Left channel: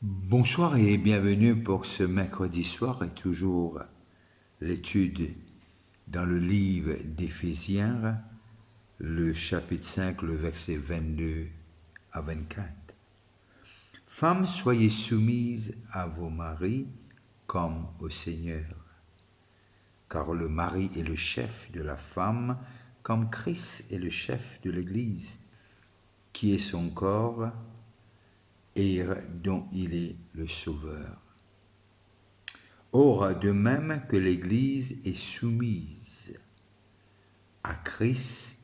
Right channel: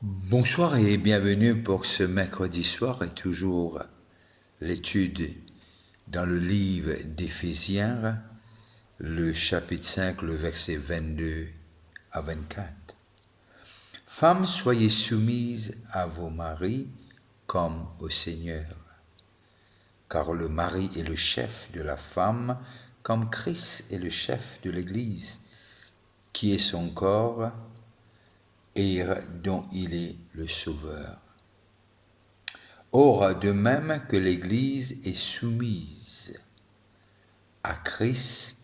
Bonsoir et bienvenue pour ce mercredi soir et toujours l'étude dans le livre d'Éphésiens, le chapitre 5, le verset 22 à 24. Femmes, soyez soumises à vos maris comme au Seigneur, car le mari est le chef de la femme, comme Christ est le chef de l'Église, qui est son corps et dont il est le sauveur. Or, de même que l'Église est soumise à Christ,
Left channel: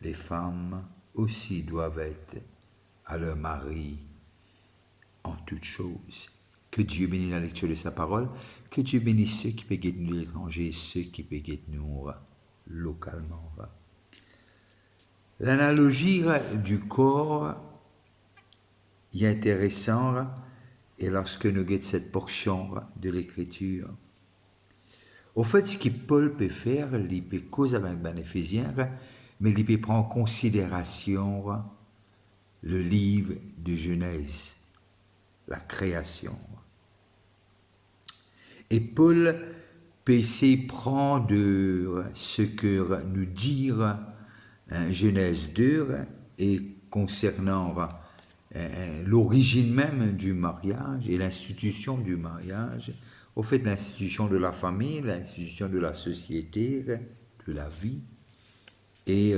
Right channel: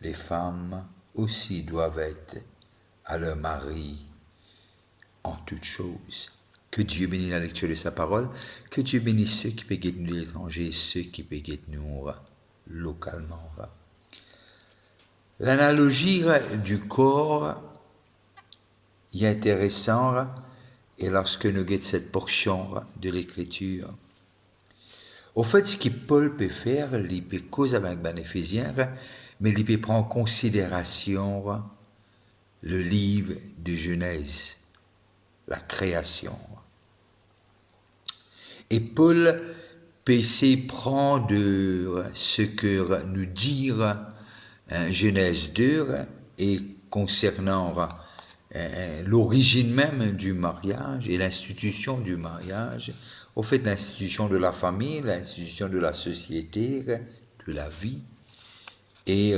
les femmes aussi doivent être à leur mari en toutes choses. Que Dieu bénisse la lecture de sa parole, que Dieu bénisse ceux qui peuvent nous de l'étranger et ceux qui peuvent nous localement. L'analogie du corps est intéressante et lorsque nous guettons cette portion de l'Écriture. Au fait, ce que Paul peut faire, il peut causer avec les Éphésiens, mais il peut prendre en considération le livre de Genèse, la création. Et Paul peut essayer de prendre ce que nous dit Genèse 2 et concernant l'origine même du mariage et l'institution du mariage, au fait l'institution de la famille, l'institution de la société, de la vie, et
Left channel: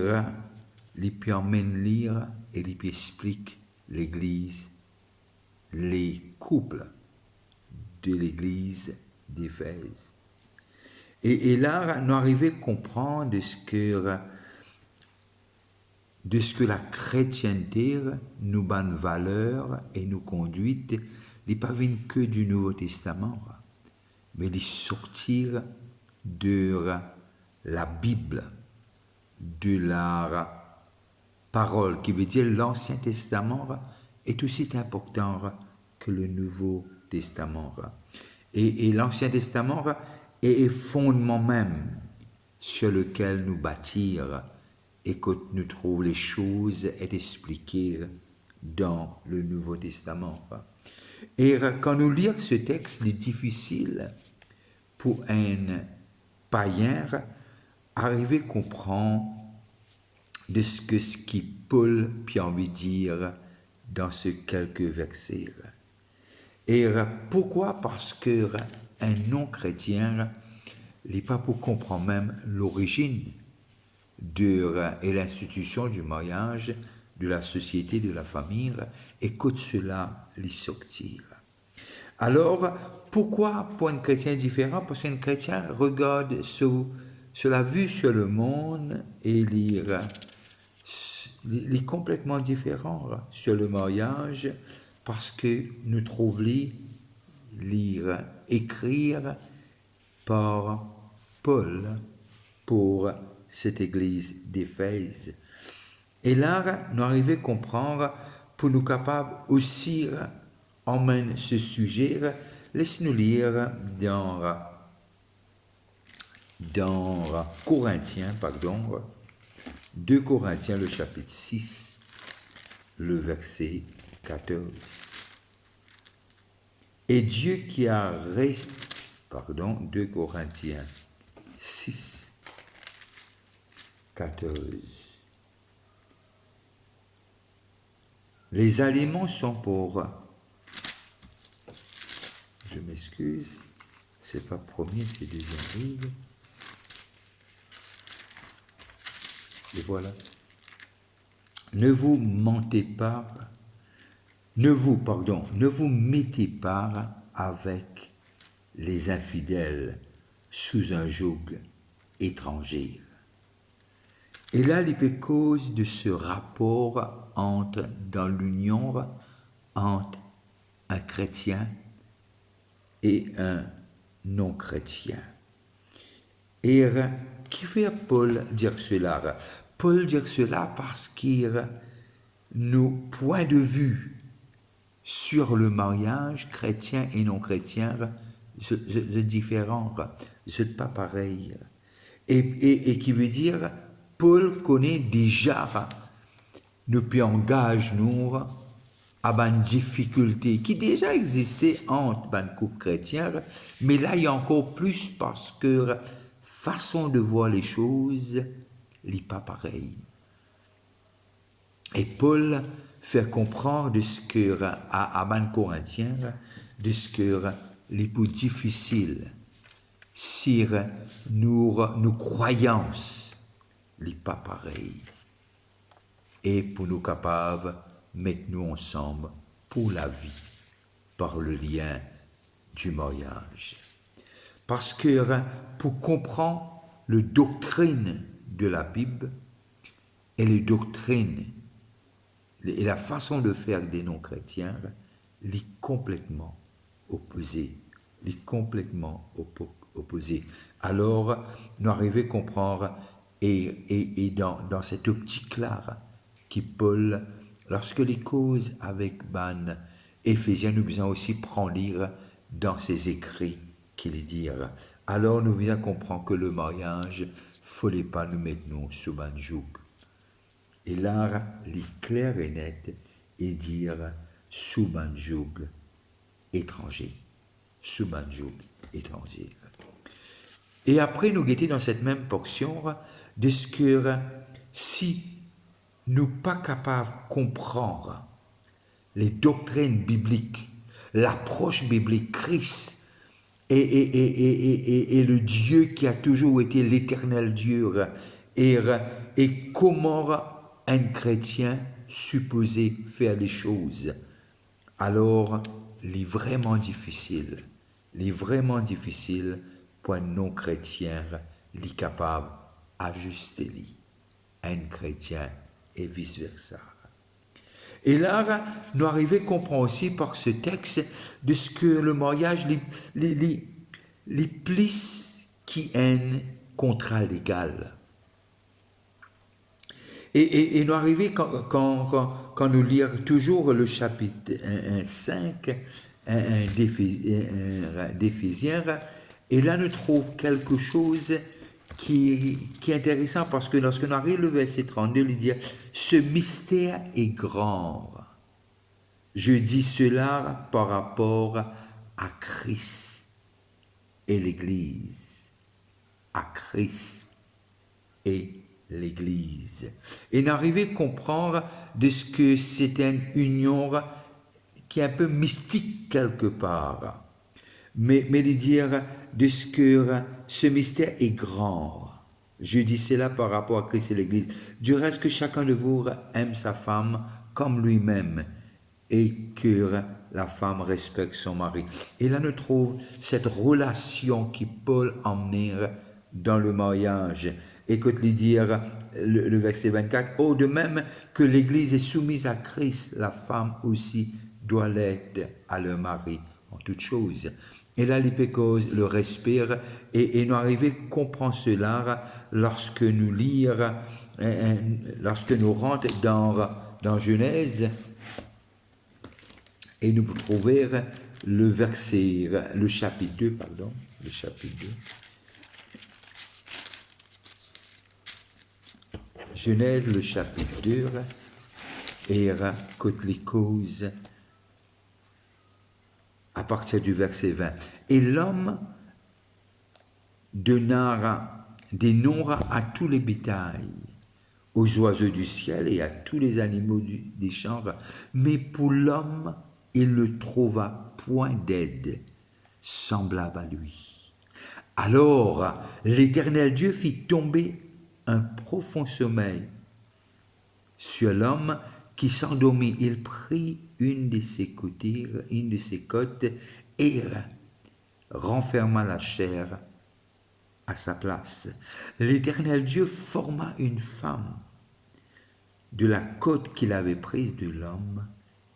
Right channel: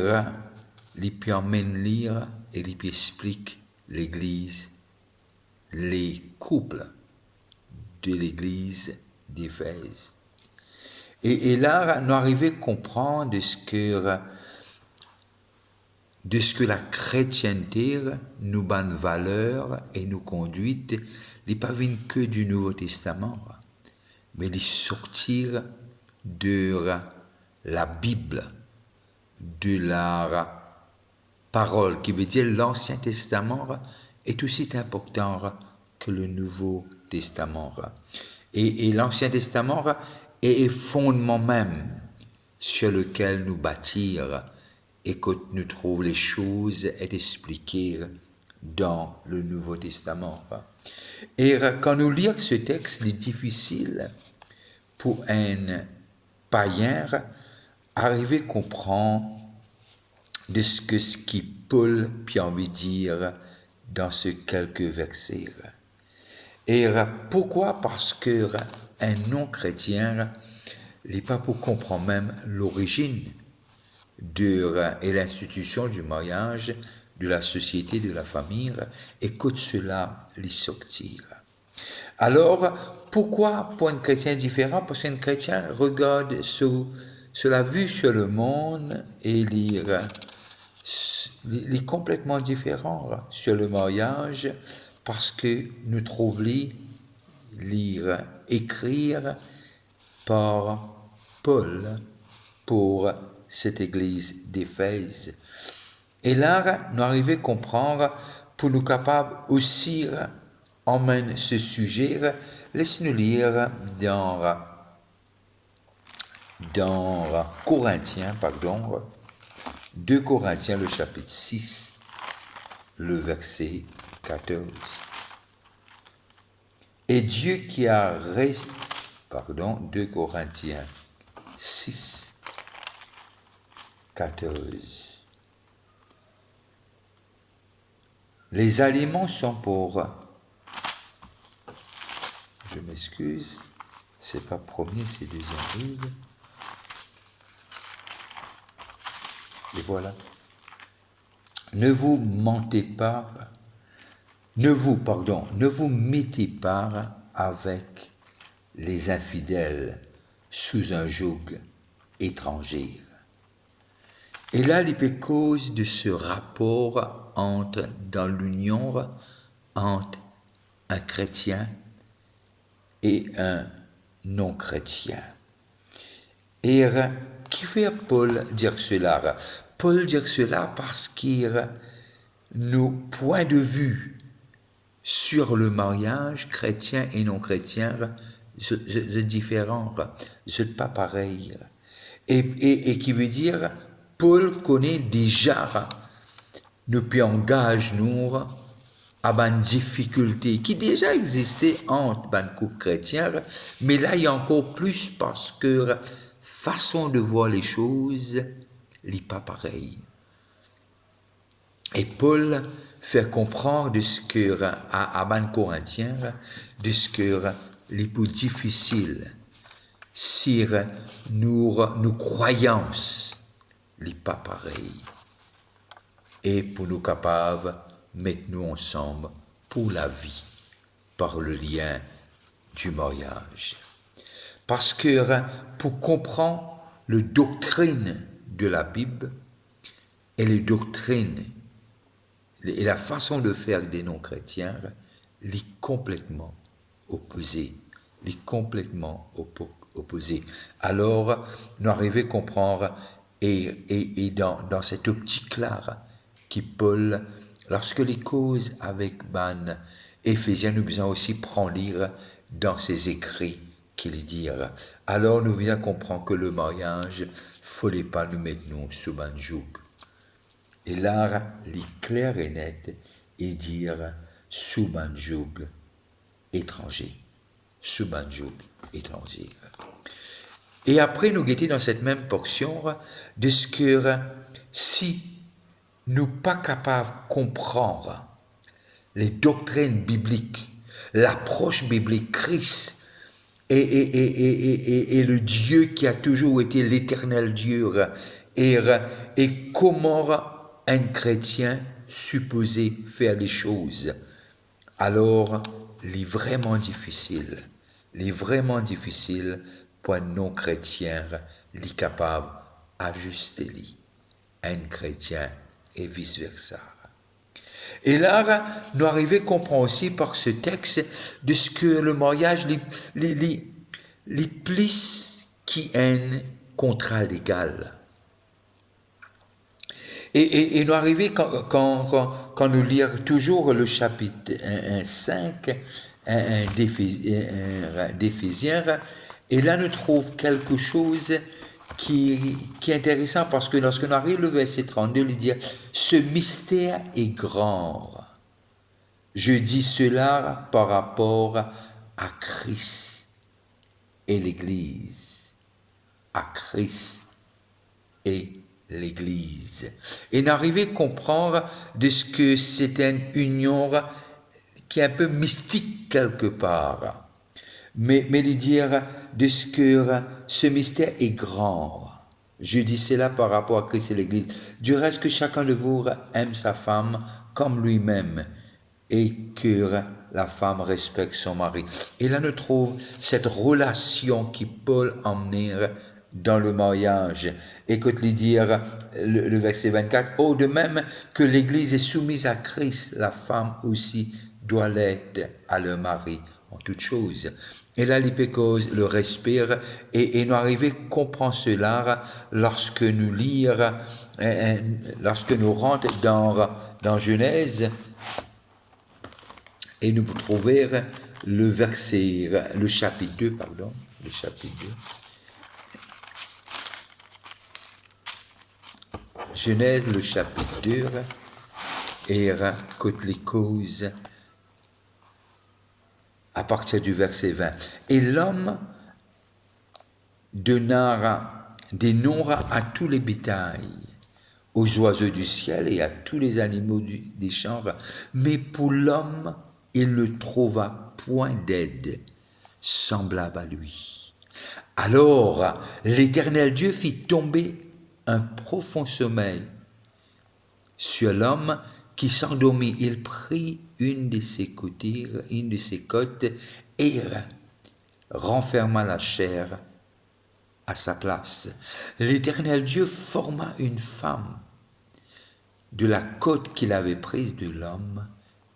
il peut emmène lire et il peut expliquer l'Église, les couples de l'Église d'Éphèse. Et là, nous arrivons à comprendre de ce que la chrétienté nous donne valeur et nous conduit, n'est pas venu que du Nouveau Testament, mais il sortir de la Bible, de la parole, qui veut dire l'Ancien Testament est aussi important que le Nouveau Testament. Et l'Ancien Testament est fondement même sur lequel nous bâtir et que nous trouvons les choses et expliquées dans le Nouveau Testament. Et quand nous lisons ce texte, il est difficile pour un païen arriver à comprendre de ce que Paul a envie de dire dans ces quelques versets. Et pourquoi? Parce que un non-chrétien n'est pas pour comprendre même l'origine et l'institution du mariage, de la société, de la famille, et que cela les sortir. Alors, pourquoi pour un chrétien différent? Parce qu'un chrétien regarde sur la vue sur le monde et il est complètement différent sur le mariage parce que nous trouvons lire, écrire par Paul pour cette église d'Éphèse. Et là, nous arrivons à comprendre, pour nous capables aussi emmène ce sujet, laisse-nous lire dans Corinthiens, 2 Corinthiens, le chapitre 6, le verset 14. Et Dieu qui a 2 Corinthiens 6, 14. Les aliments sont pour... Je m'excuse, c'est pas premier, c'est deuxième livre. Et voilà. Ne vous mentez pas, ne vous mettez pas avec les infidèles sous un joug étranger. Et là, il est cause de ce rapport dans l'union entre un chrétien et un non-chrétien. Et qui fait Paul dire cela? Paul dit cela parce qu'il nos points de vue sur le mariage chrétien et non chrétien c'est différent, c'est pas pareil. Et qui veut dire Paul connaît déjà nous puis engage nous à une difficulté qui déjà existait entre les couples chrétiens, mais là il y a encore plus parce que façon de voir les choses n'est pas pareille. Et Paul fait comprendre de ce que à les Corinthiens, de ce que les plus difficile, si nos croyances n'est pas pareilles. Et pour nous capables, mettre-nous ensemble pour la vie, par le lien du mariage. Parce que pour comprendre la doctrine de la Bible et les doctrines et la façon de faire des non-chrétiens, les complètement opposés. Les complètement opposés. Alors, nous arrivons à comprendre, et dans cette optique-là, qui Paul, lorsque les causes avec Ban Éphésiens, nous besoin aussi prendre lire dans ses écrits qu'il dit. Alors nous venons comprendre que le mariage, fallait pas nous mettre nous sous un joug. Et là, les clair et net et dire sous un joug étranger, sous un joug étranger. Et après nous guetter dans cette même portion de ce que si nous pas capables de comprendre les doctrines bibliques, l'approche biblique, Christ et le Dieu qui a toujours été l'éternel Dieu, et comment un chrétien supposé faire les choses, alors il est vraiment difficile pour un non-chrétien, il est capable d'ajuster un chrétien et vice-versa. Et là, nous arrivons à comprendre aussi par ce texte de ce que le mariage, les plus qui est contrat légal. Et nous arrivons, quand nous lisons toujours le chapitre 5 d'Éphésiens, et là nous trouvons quelque chose qui est intéressant, parce que lorsque nous arrivons au verset 32, il dit « Ce mystère est grand. Je dis cela par rapport à Christ et l'Église. » À Christ et l'Église. Et nous arrivons à comprendre de ce que c'est une union qui est un peu mystique quelque part. Mais de dire de ce que ce mystère est grand. Je dis cela par rapport à Christ et l'Église. Du reste que chacun de vous aime sa femme comme lui-même et que la femme respecte son mari. Et là, nous trouvons cette relation qui Paul emmenait dans le mariage. Écoute-les dire le verset 24. « Oh, de même que l'Église est soumise à Christ, la femme aussi doit l'être à leur mari en toutes choses. » Et là, l'hypécose le respire, et nous arrivons à comprendre cela lorsque nous lisons, lorsque nous rentrons dans Genèse, et nous trouvons le chapitre 2, le chapitre 2. Genèse, le chapitre 2, et raconte les causes à partir du verset 20. Et l'homme dénombra à tous les bétails, aux oiseaux du ciel et à tous les animaux des champs, mais pour l'homme, il ne trouva point d'aide semblable à lui. Alors l'Éternel Dieu fit tomber un profond sommeil sur l'homme qui s'endormit. Il prit une de ses côtes et renferma la chair à sa place. L'Éternel Dieu forma une femme de la côte qu'il avait prise de l'homme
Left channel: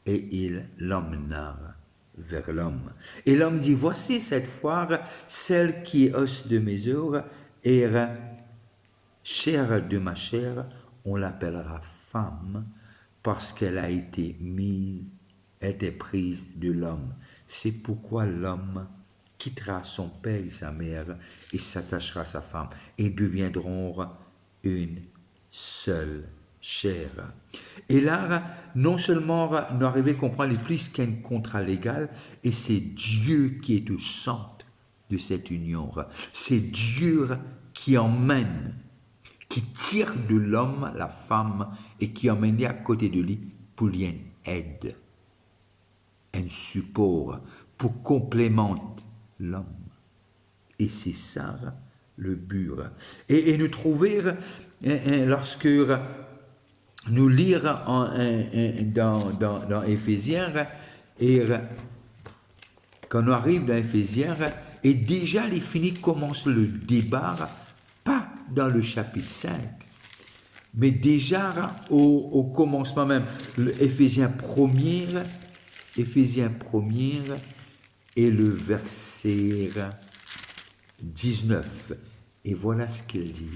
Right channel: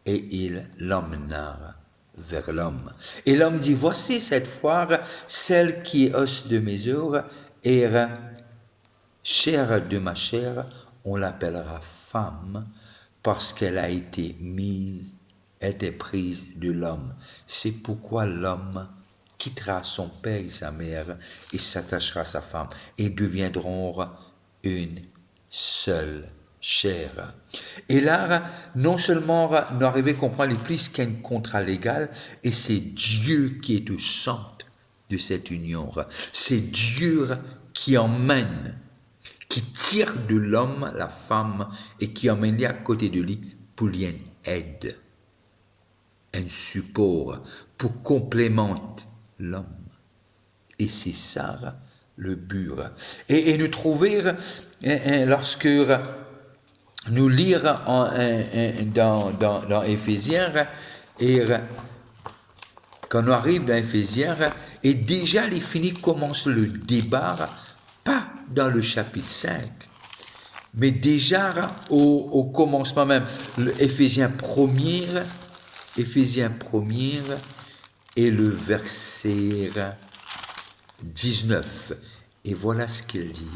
et il l'emmena vers l'homme. Et l'homme dit, voici cette fois celle qui est os de mes os et chair de ma chair, on l'appellera femme parce qu'elle a été prise de l'homme. C'est pourquoi l'homme quittera son père et sa mère et s'attachera à sa femme et deviendront une seule chair. Et là, non seulement nous arrivons à comprendre plus qu'un contrat légal, et c'est Dieu qui est au centre de cette union. C'est Dieu qui emmène, qui tire de l'homme la femme et qui emmène à côté de lui pour lui une aide, un support pour complémenter l'homme. Et c'est ça le but. Et nous trouver, lorsque nous lire dans Éphésiens, et quand on arrive dans Éphésiens, et déjà les finis commencent le débat, pas dans le chapitre 5, mais déjà au commencement même, Éphésiens 1er, et le verset 19. Et voilà ce qu'il dit,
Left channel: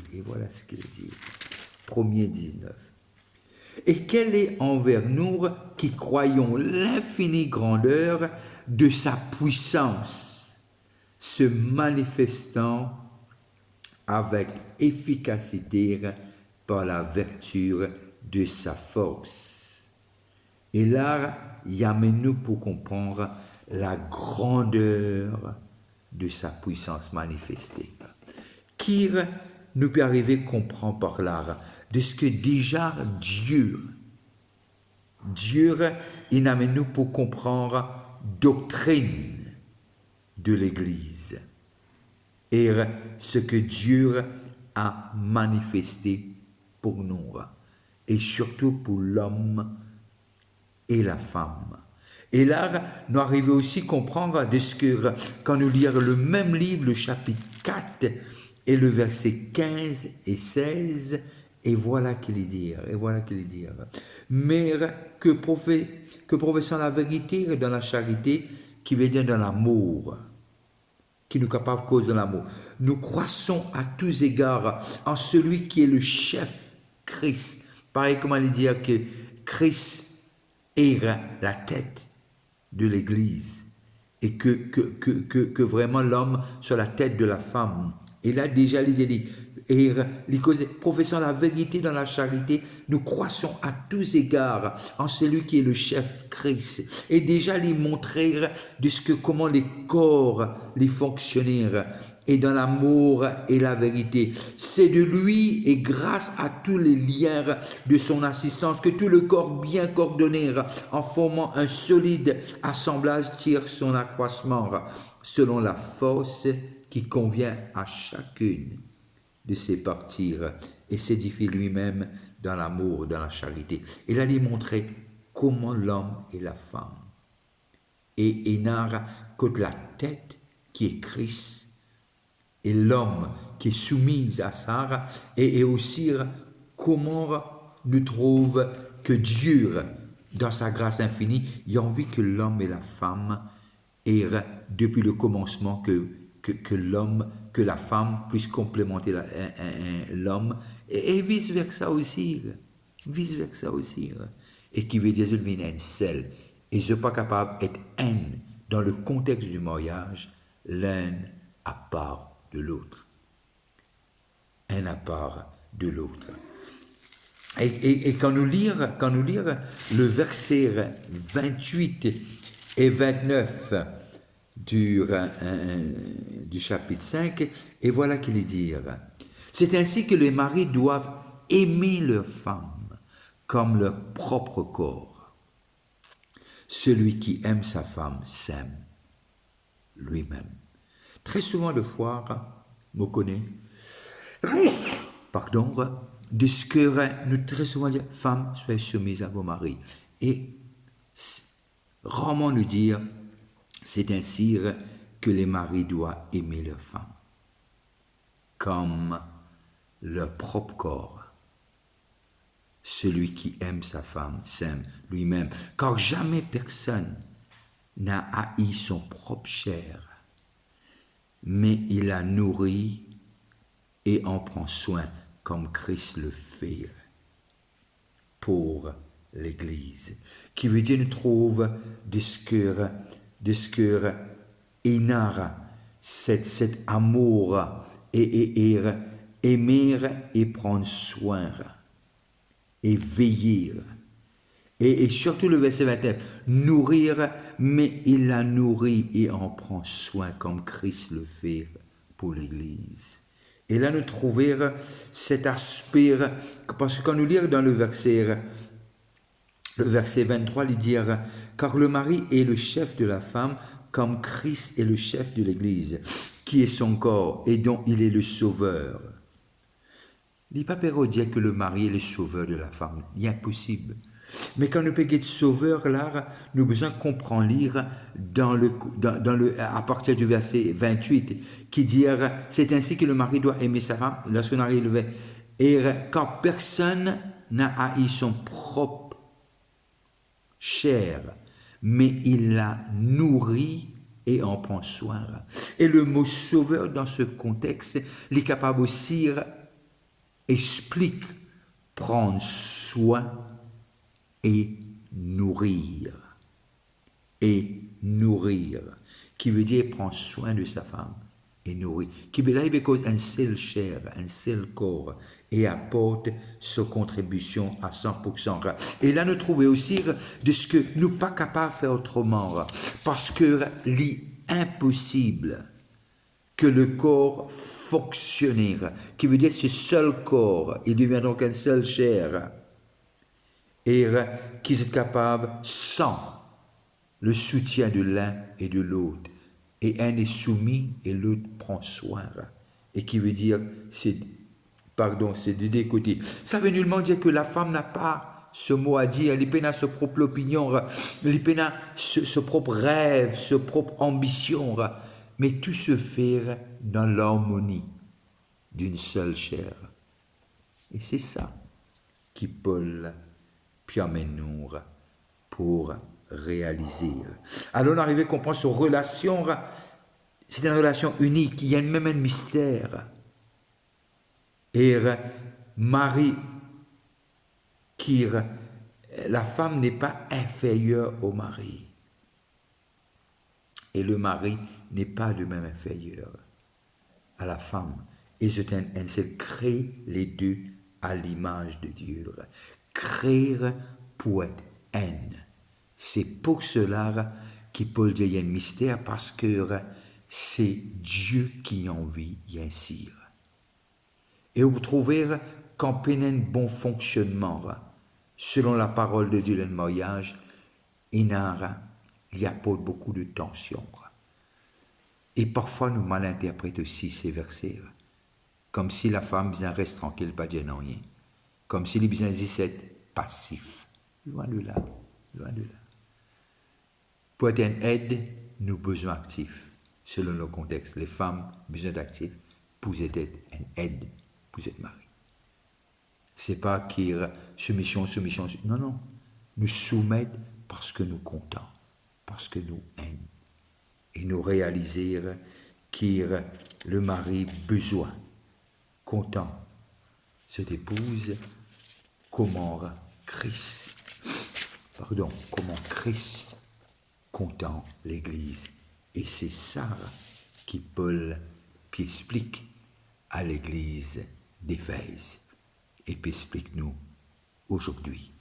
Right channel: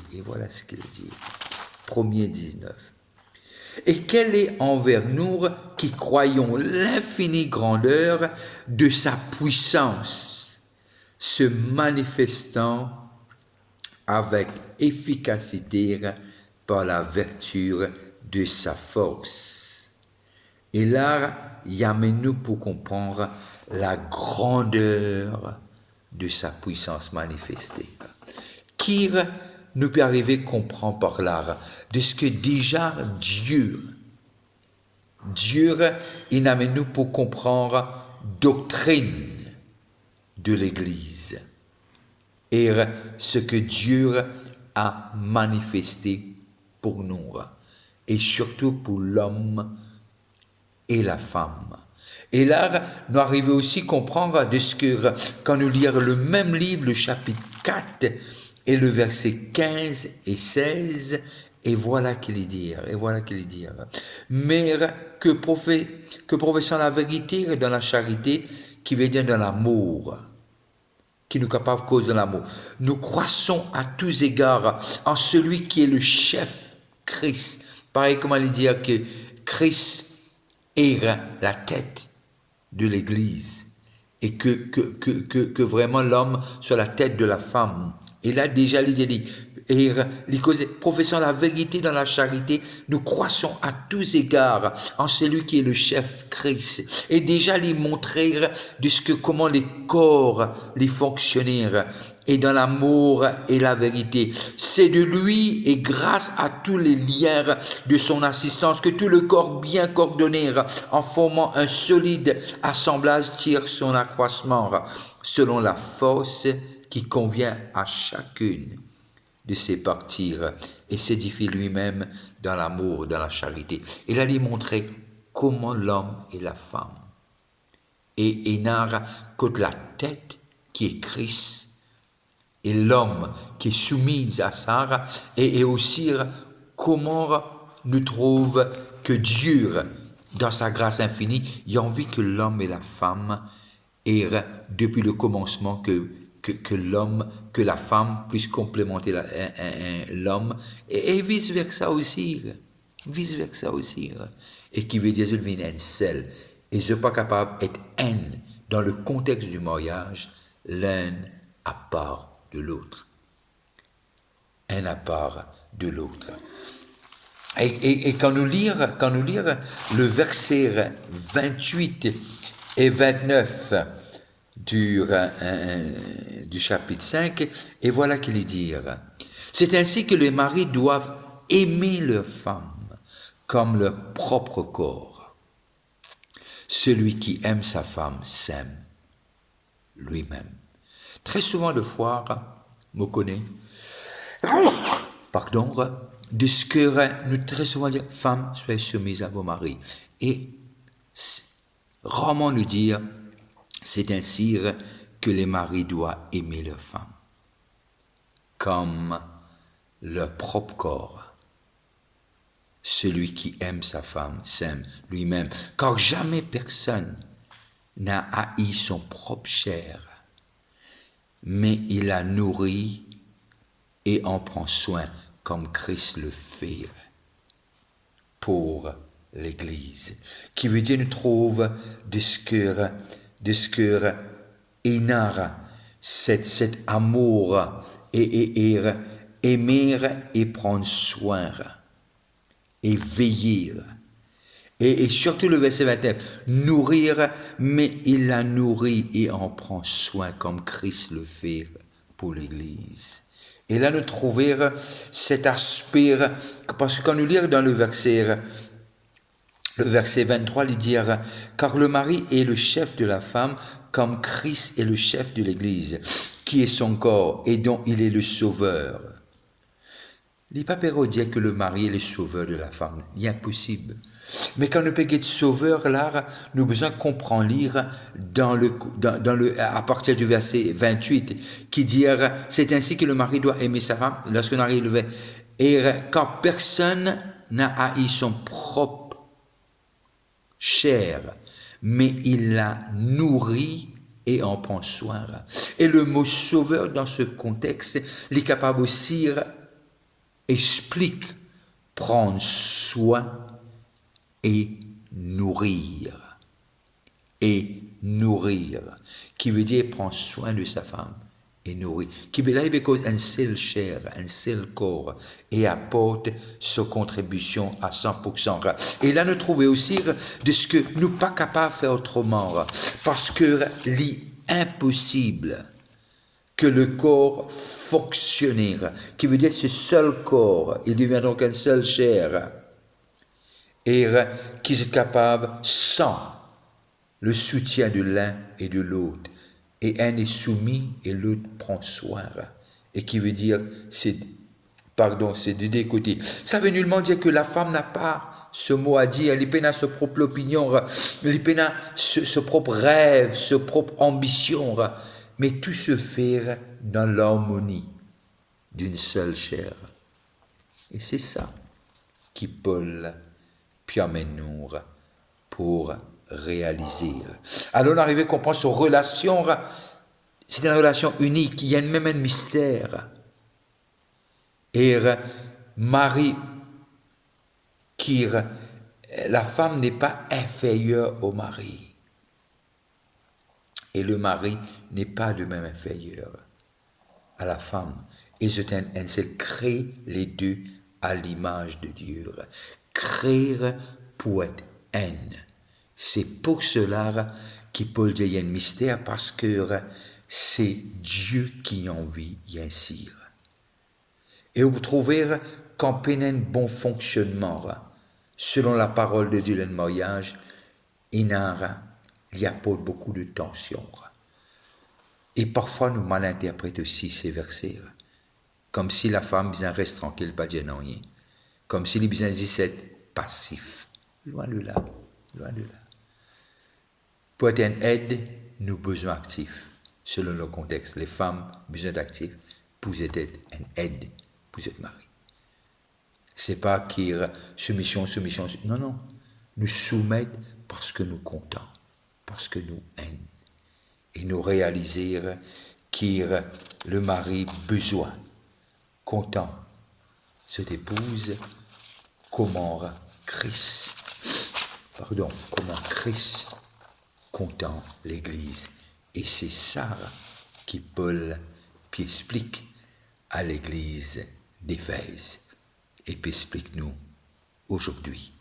1er 19. Et quelle est envers nous qui croyons l'infinie grandeur de sa puissance, se manifestant avec efficacité par la vertu de sa force. Et là, il y a nous pour comprendre la grandeur de sa puissance manifestée. Qui nous peut arriver à comprendre par là de ce que déjà Dieu, il amène nous pour comprendre doctrine de l'Église et ce que Dieu a manifesté pour nous et surtout pour l'homme et la femme. Et là, nous arrivons aussi à comprendre de ce que, quand nous lisons le même livre, le chapitre 4, et le verset 15 et 16, et voilà qu'il est dire. Mais que professant la vérité dans la charité, qui veut dire dans l'amour, qui nous capable cause de l'amour. Nous croissons à tous égards en celui qui est le chef, Christ. Pareil, comment il dire que Christ est la tête de l'Église et que vraiment l'homme soit la tête de la femme. Et là déjà, il dit, et professant la vérité dans la charité, nous croissons à tous égards en celui qui est le chef, Christ. Et déjà, lui montrer de ce que comment les corps, les fonctionnaires, et dans l'amour et la vérité. C'est de lui et grâce à tous les liens de son assistance que tout le corps bien coordonné en formant un solide assemblage tire son accroissement selon la force qui convient à chacune de ses parties et s'édifie lui-même dans l'amour, dans la charité. Il allait montrer comment l'homme et la femme et n'a que la tête qui est Christ et l'homme qui est soumis à ça, et aussi comment nous trouve que Dieu, dans sa grâce infinie, il a envie que l'homme et la femme, et depuis le commencement, que l'homme, que la femme puisse complémenter l'homme, et vice-versa aussi. Et qui veut dire que je un seul, et je ne suis pas capable d'être un dans le contexte du mariage, l'un à part de l'autre. Un à part de l'autre. Et quand nous lire le verset 28 et 29 du chapitre 5, et voilà qu'il est dire. C'est ainsi que les maris doivent aimer leur femme comme leur propre corps. Celui qui aime sa femme s'aime lui-même. Très souvent, de fois, me connaît, pardon, de ce que nous très souvent dire, femme, soyez soumise à vos maris. Et rarement nous dire, c'est ainsi que les maris doivent aimer leur femme, comme leur propre corps. Celui qui aime sa femme s'aime lui-même, car jamais personne n'a haï son propre chair, mais il la nourrit et en prend soin comme Christ le fait pour l'Église. Qui veut dire nous trouve de ce que Énara, cet amour et aimer et prendre soin. et veiller. Et surtout le verset 29, nourrir, mais il la nourrit et en prend soin comme Christ le fait pour l'Église. Et là, nous trouvons cet aspect, parce que quand nous lisons dans le verset 23, il dit « Car le mari est le chef de la femme, comme Christ est le chef de l'Église, qui est son corps et dont il est le sauveur. » Il n'est pas dire que le mari est le sauveur de la femme, il est impossible. Mais quand nous parlons de sauveur, là, nous avons besoin de comprendre, lire à partir du verset 28, qui dit « C'est ainsi que le mari doit aimer sa femme, lorsqu'on arrive, et car personne n'a haï son propre chair, mais il la nourrit et en prend soin. » Et le mot sauveur dans ce contexte, il est capable aussi explique prendre soin et nourrir. Et nourrir, qui veut dire prendre soin de sa femme et nourrir. Qui veut dire parce qu'un seul chair, un seul corps, et apporte sa contribution à 100%. Et là, nous trouvons aussi de ce que nous pas capables de faire autrement, parce que l'impossible que le corps fonctionnaire, qui veut dire ce seul corps, il devient donc un seul chair, et qui est capable sans le soutien de l'un et de l'autre. Et un est soumis et l'autre prend soin. Et qui veut dire, c'est de deux côtés. Ça veut nullement dire que la femme n'a pas ce mot à dire, elle a sa propre opinion, elle a ce propre rêve, sa propre ambition. Mais tout se fait dans l'harmonie d'une seule chair. Et c'est ça qui Paul permet-nous pour réaliser. Alors on arrive à comprendre cette relation, c'est une relation unique, il y a même un mystère. Et Marie, la femme n'est pas inférieure au mari. Et le mari n'est pas de même inférieur à la femme. Et c'est crée les deux à l'image de Dieu. Créer pour être haine. C'est pour cela que Paul dit qu'il y a un mystère, parce que c'est Dieu qui en vit ainsi. Et vous trouvez qu'en peine bon fonctionnement, selon la parole de Dieu dans le mariage, il y a pas beaucoup de tension. Et parfois nous malinterprétons aussi ces versets, comme si la femme reste tranquille, pas dire non rien. Comme si les besoins disaient passif. Loin de là, loin de là. Pour être une aide, nous avons besoin actifs. Selon le contexte, les femmes besoin d'actifs pour être une aide, pour être mari. C'est pas qu'il soumission. Non, non. Nous soumettre parce que nous comptons, parce que nous aimons. Et nous réaliser qu'il le mari besoin, content, cette épouse, comment Christ content l'Église. Et c'est ça qui Paul qui explique à l'Église d'Éphèse et puis explique-nous aujourd'hui.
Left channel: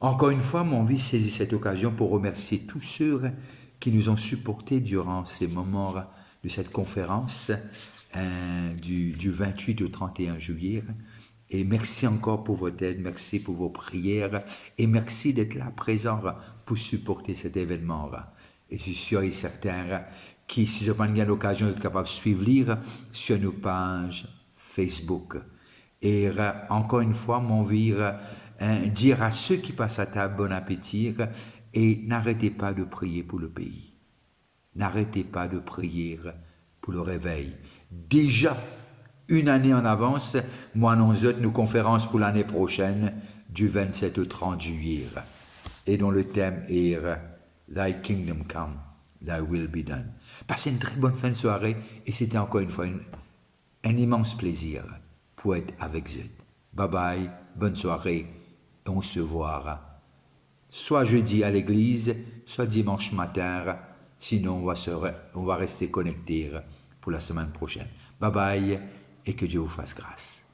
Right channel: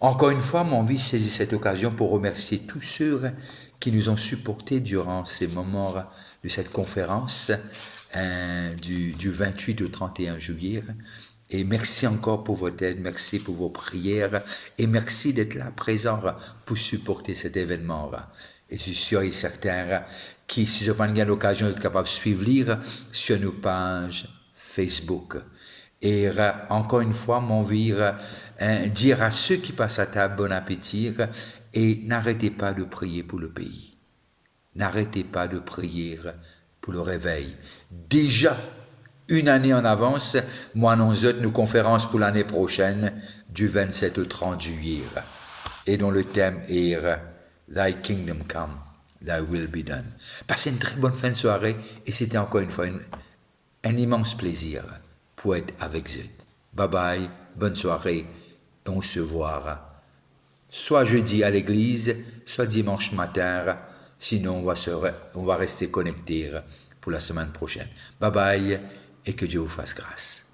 Encore une fois, mon envie saisit cette occasion pour remercier tous ceux qui nous ont supportés durant ces moments de cette conférence du 28 au 31 juillet. Et merci encore pour votre aide, merci pour vos prières et merci d'être là présent pour supporter cet événement. Et je suis sûr et certain que si je prends l'occasion d'être capable de suivre lire sur nos pages Facebook. Et encore une fois, mon envie dire à ceux qui passent à table bon appétit et n'arrêtez pas de prier pour le pays. N'arrêtez pas de prier pour le réveil. Déjà, une année en avance, moi annonce nos conférences pour l'année prochaine, du 27 au 30 juillet, et dont le thème est Thy Kingdom Come, Thy Will Be Done. Passez une très bonne fin de soirée, et c'était encore une fois un immense plaisir pour être avec vous. Bye bye, bonne soirée, et on se voit soit jeudi à l'église, soit dimanche matin, sinon on va rester connectés pour la semaine prochaine. Bye bye, et que Dieu vous fasse grâce.